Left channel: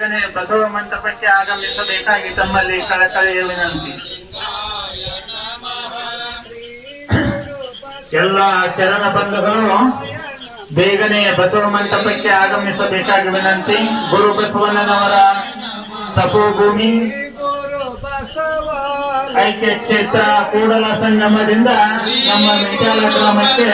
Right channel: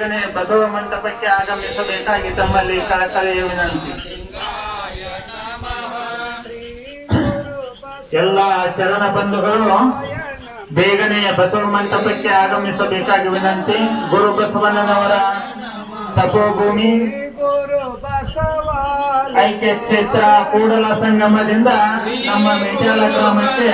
ಬೇಗನೆ ಬಸವ ಮಂಟಪಕ್ಕೆ ಆಗಮಿಸಬೇಕಾಗಿ ತಮ್ಮಲ್ಲಿ ಕಳಕಳಿಯ ವಿನಂತಿ. ಎಲ್ಲ ಶರಣ ಬಂಧುಗಳು, ಬೇಗನೆ ಬಸವ ಮಂಟಪಕ್ಕೆ ಆಗಮಿಸಬೇಕಾಗಿ ವಿನಂತಿ. ಗುರು ಬಸವಣ್ಣನವರ ತಪೋಭೂಮಿ, ಐಕ್ಯ ಕ್ಷೇತ್ರ ಕೂಡಲ ಸಂಗಮದಿಂದ ನಮ್ಮ ವಿಚಾರ ಗ್ರಾಮಕ್ಕೆ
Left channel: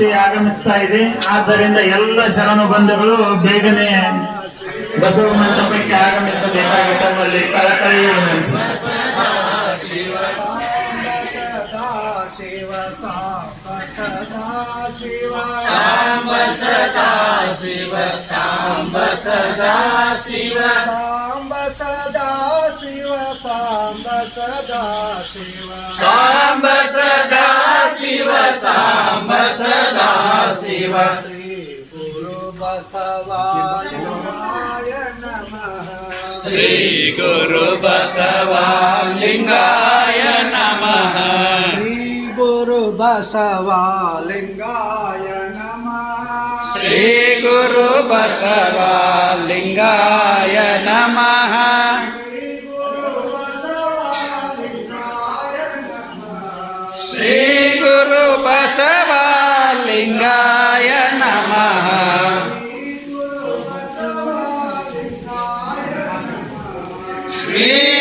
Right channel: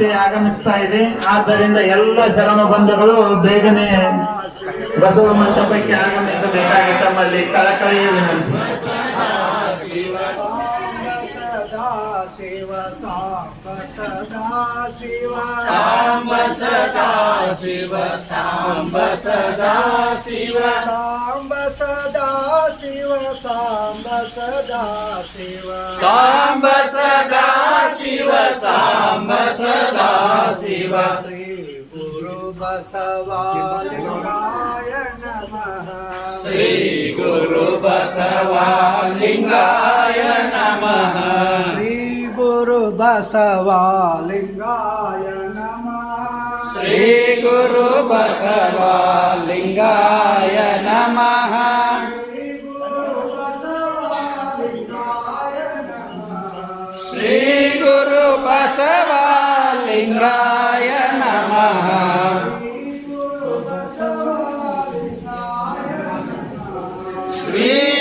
ಜ್ಯೋತಿ ಆಗಮಿಸ್ತಾ ಇದೆ. ಆದ್ದರಿಂದ ಎಲ್ಲ ಶರಣ ಬಂಧುಗಳು ಬೇಗನೆ ಬಸವ ಮಂಟಪಕ್ಕೆ ಆಗಮಿಸಬೇಕಾಗಿ ತಮ್ಮಲ್ಲಿ ಕಳಕಳಿ ಶಿವ ಸಾಂಬ ಸದಾ ಶಿವ ಸಾಂಬ ಸದಾ ಶಿವ ಸಾಂಬ ಸದಾ ಶಿವ ಸಾಂಬ ಸದಾ ಶಿವ ಸಾಂಬ ಸದಾ ಶಿವ. ಸಾಂಬ ಸದಾ ಶಿವ. ಸಾಂಬ ಸದಾ శ్రీదేవ శ్రీ గురు బసవాయ నమ శ్రీ గురు బసవాలింగాయ నమ శ్రీ గురు బసవాలింగాయ నమ శ్రీ గురు బసవాలింగాయ నమ శ్రీ ಲಿಂಗಾಯ ನಮಃ ಶ್ರೀ